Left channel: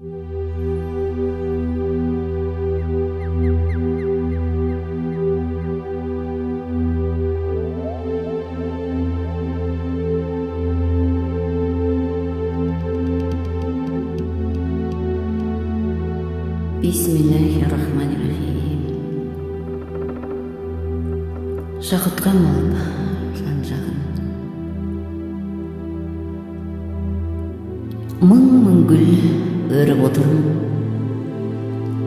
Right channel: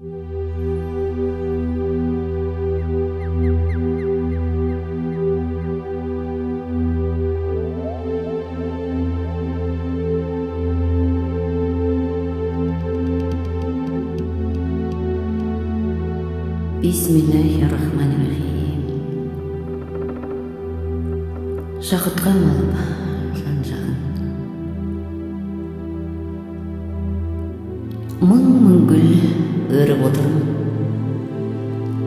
Bismillahirrahmanirrahim. Шақытқан алып жан-жағын, мың гүл өріп отырмын.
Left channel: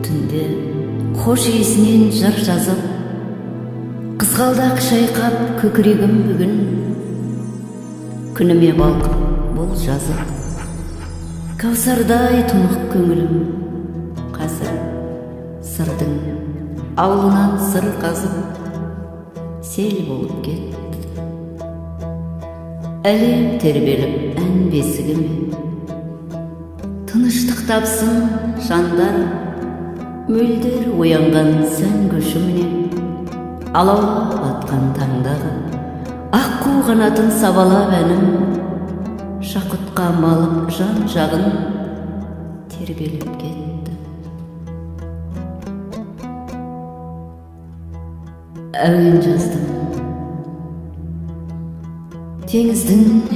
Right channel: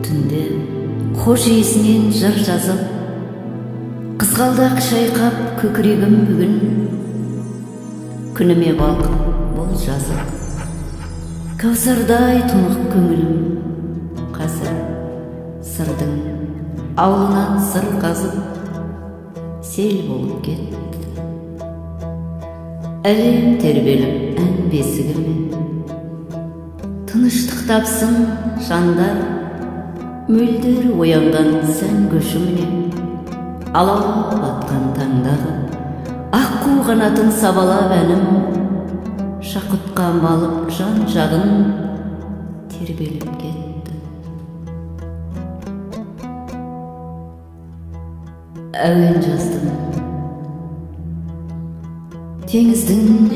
Түнде хош иісінен жыр жазып, қызғалдақ шайқап көкірегім бүгін. Күніме балқып бұл жазып, кәусардай тұнық көңілім. Қазір сырдың аулынан сыр қазып, сел болып кетті. Әлем тербеліп ән бесігіме, тыныштық тапсын жандар, мөлдір оянған сән көшіміне. Алаулап атқан таңдағы аққу қанатын сабалап әнім, шақытқа малып жан-жағын тербеліп кетті. Әуен жаздым, теңіздің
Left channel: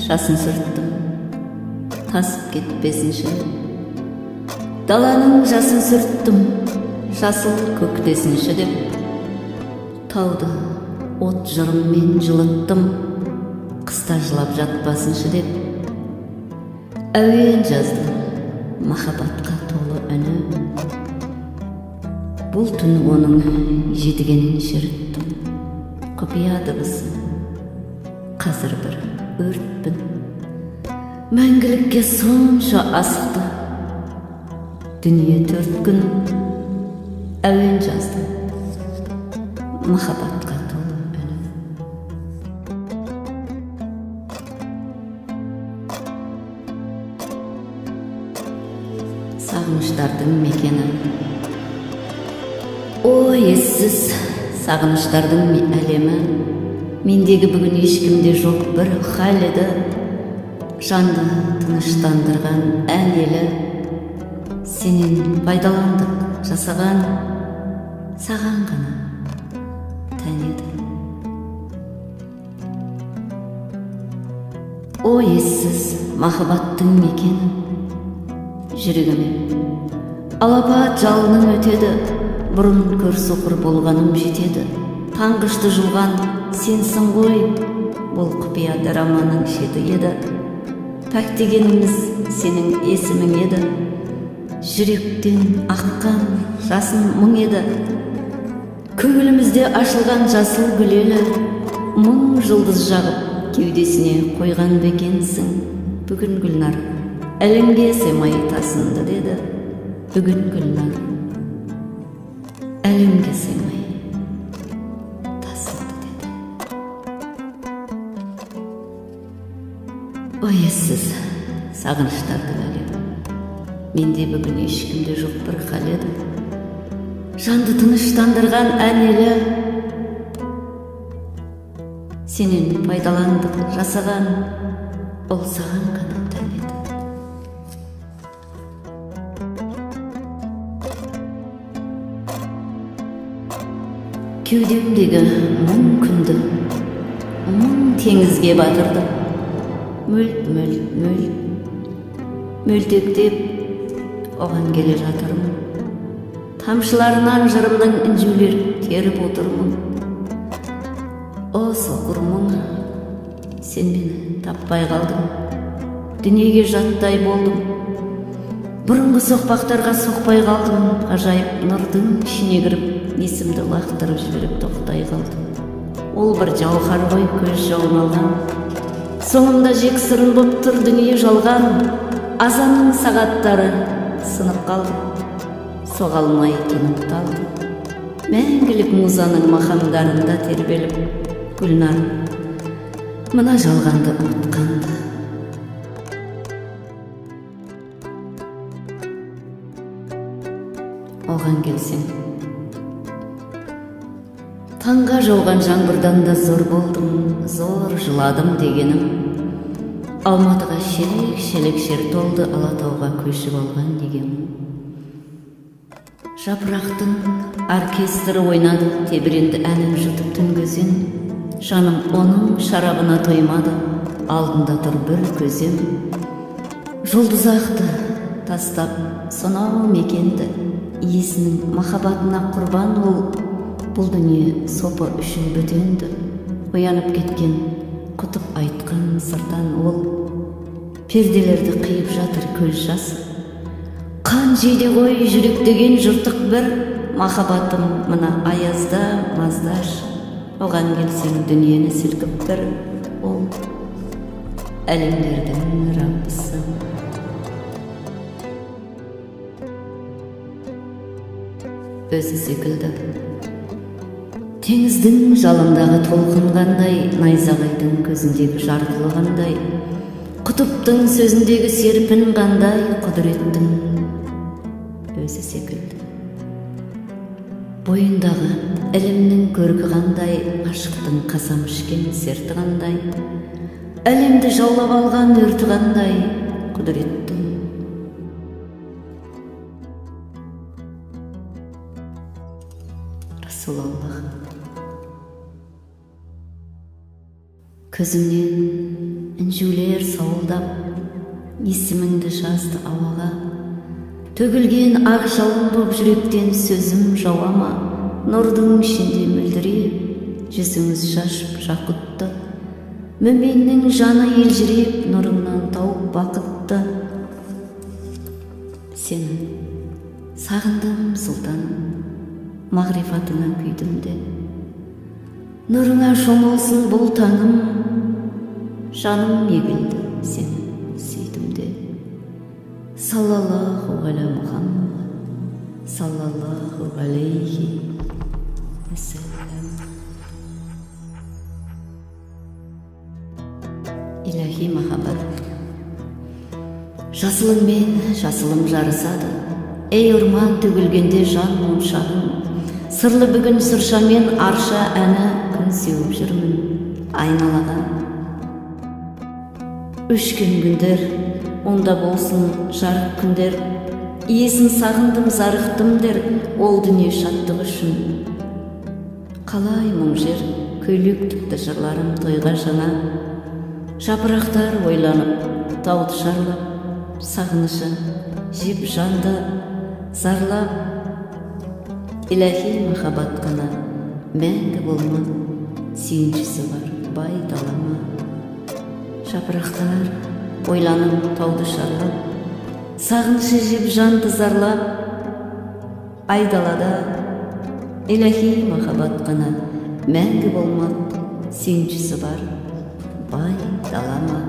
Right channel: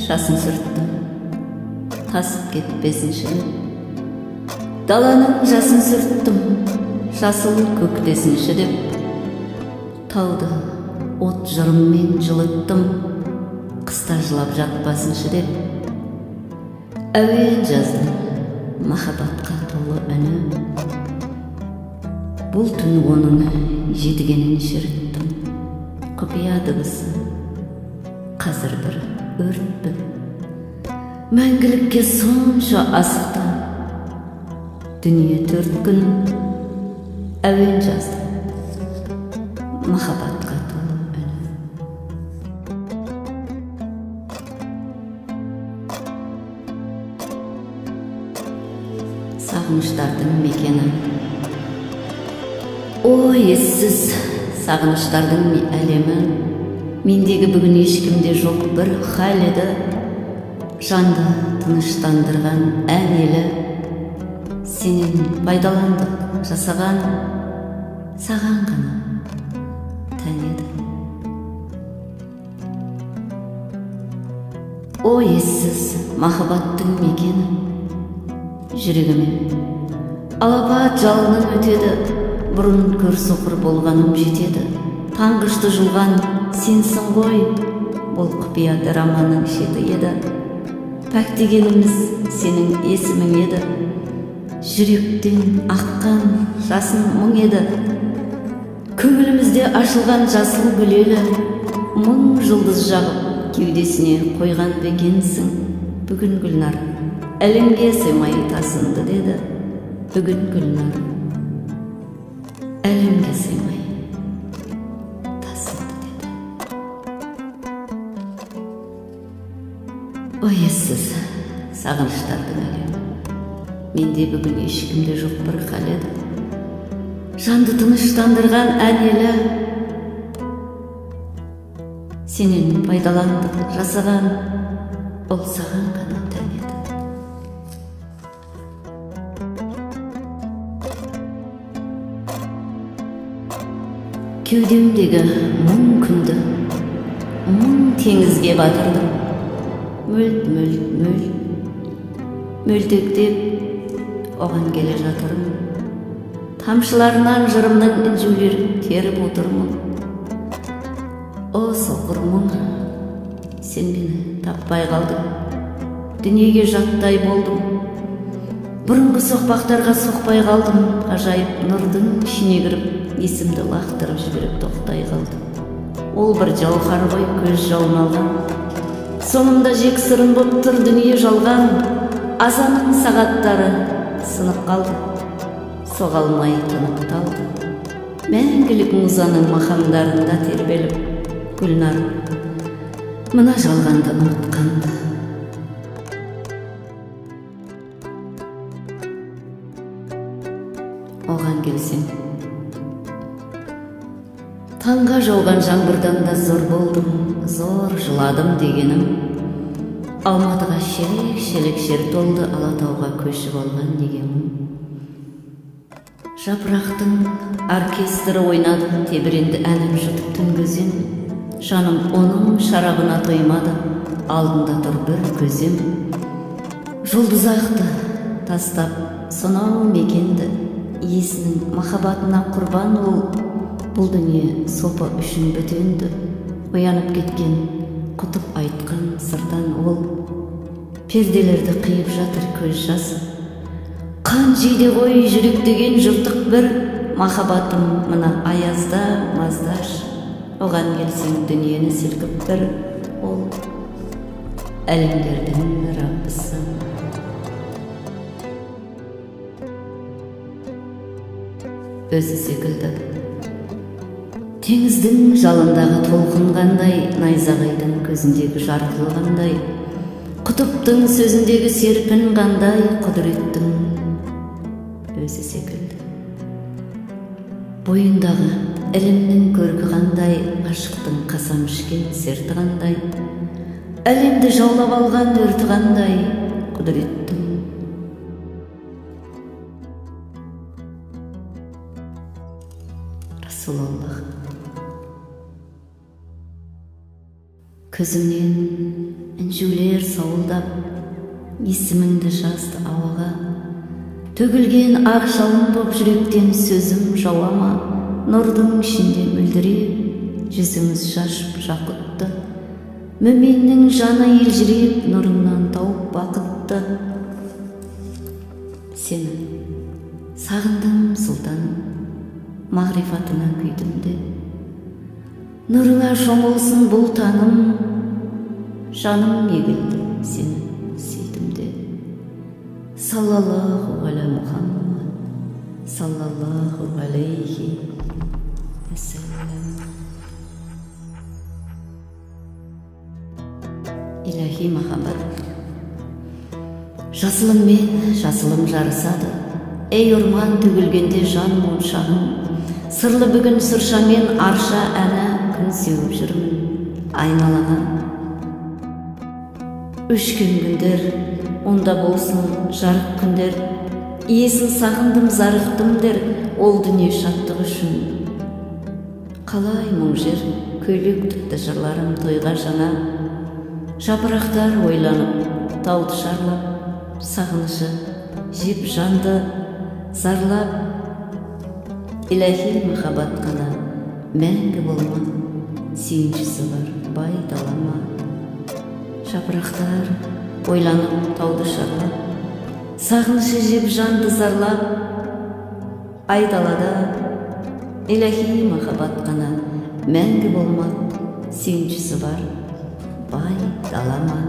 жасын сүрттім, тасып кетпесінші. Даланың жасын сүрттім, жасыл көктесінші деп. Тауды от жырыммен жылыттым, қыста жылап жатпасыншы деп. Әуен жаздым, махаббатқа толы үні. Бұл түн оның жетігенін шерттім, құпия дыбысы. Қазір бір өртпін, мәңгілікке сонша асықты. Дүние 4 күн әуен жаздым, махаббатқа толы үні. Сағыныштардың мекені, о ессіз сағыныштардың әлемі. Мендегі бүгін ешкімде жоқ бір хал еді, жанды тыныштандырған ән елі. Сенен пайдаландық жасаған, саған ғана тән еді. О ессіз махаббаттың мекені, жүрегіме алапат жалының өтеді. Бұрын көр соқыр болғаным жетеді. Таңғышты жылған сенсің ғой, бұл құпия драманың шеті еді. Пәк дегеніміз сенің есімің еді. Жүректен аққан жасын мұң еді. Көңілімізде ашылған жасыл гүлелі, мың жылдыз жағып кеудесіне қойған бекенсің. Бүгін Гүлнар әлемге сыймай тасынды деді. Бүгін Гүлнар әлемге сыймай тасынды деді. О ессіз сағыныштардың әлемі, менде бүгін ешкімде жоқ бір хал еді. Жанды тыныштандырған ән елі. Сенен пайдаландық жасаған, ол саған ғана тән еді. Кеудемдегі мың күнді, мың теңізге батырдым. Мөлтектеп оған келе жатырмын. Тамшыларынан жырымның інжулер теріп отырмын. О соқыр мұң, сен мені таппай қалдың. Дүниеге жаттай болдым. Бұрынғы соқпақтарға соқпай қалдым. Ажайып нұрдың ішіне кіріп, есімді лақтырып жіберіп тоқтай қалдым. Ол бір жауһар ғой, көз жауын алған. Соңымда жек сырын боп тұр дүние жалған. Азанның сағаттары сынып қалды, соға алмай тынып талды. Мәңгілік музаның мақамдарында тербеліп, Гүлнар мына жалғанды ұмытқанды. Оған келсең, таңға жауған жаңбырдан да зор болдым, зор жыладым дегенім. Алматыға шелек шер толды, Алатауға көшіп алған неге мұң. Жапырақтың оркестрі ойнады, тебіренді әнін жұтып түнгізен. Жаным оның шарабына тоймады, алдында тұр бір көзем. Жұлдыз ақты тастап сонау мекенді, иесінің махаббатына құрбан ол. Бұл дүние сопы үшін бөтенді, оянып кеткен құтып айтқан сыртан ол. Перделерді қиып жатыр көз жасы, қан жейде ғой жүрек деген жыртық бір. Махаббатым мына аязда маздаш, оған келсең дүниені сілкіп бір. Ол әлемдердің раббысы. Өзі секілді теңіздің жалындағы толқын қандай, найзағайдың көзіндегі жарқылы қандай, құтыптың сөзіндегі серпін қандай, құдіреттің өзі секілді. Бойындағы ілімнің көркі қандай, ғашықтың қасам ішкен серті қандай, әлемді жаулап алған өрті қандай, құдіреттің. Расулаллах. Көзімнен інжулер сауылдап, есіміңді жазды ауаға. Төгілген ақ жауын боп жүректен сөзім жауама. Нұрдың ішінде мүлдіреп, жүзіңіз шашып жақұтты. Мүменнің жаны елжіреп, нұрыңнан тауып бақытты. Сені сағындым сұлтаным, мағрифатыңа күйдім де. Нұрыңа шомылсын бұл таңым, жаным егілді сені сүйдім де. Саллаллаху аля Мұхаммад, саллаллаху алейхи вассалам. Илахи махаббат. Жасылыңмен жасылым жарысады, ей орман төгілгенде жан моншағың. Сырлы бүгін сыршамен арша әні, күн сеуіп жүрмін айналаға. Өшкен күндер, онда болсын жарық күндер, иесін сағындым зарықтым дер, ол дүние шаттық үшін. Қалай мұң жер, көйлек тікті жырларым тойға жаңа. Жапырақтар ойланып, тауды шарлап, сағынышы жеп жанды зарлап. Илахи махаббат қана мәңгі болма, сүйіншісі бар бай далама. Жапырақтар ойланып, тауды шарлап, сағынышы жеп жанды зарлап. Айдалада илахи махаббат қана мәңгі болма, сүйіншісі бар бай далама.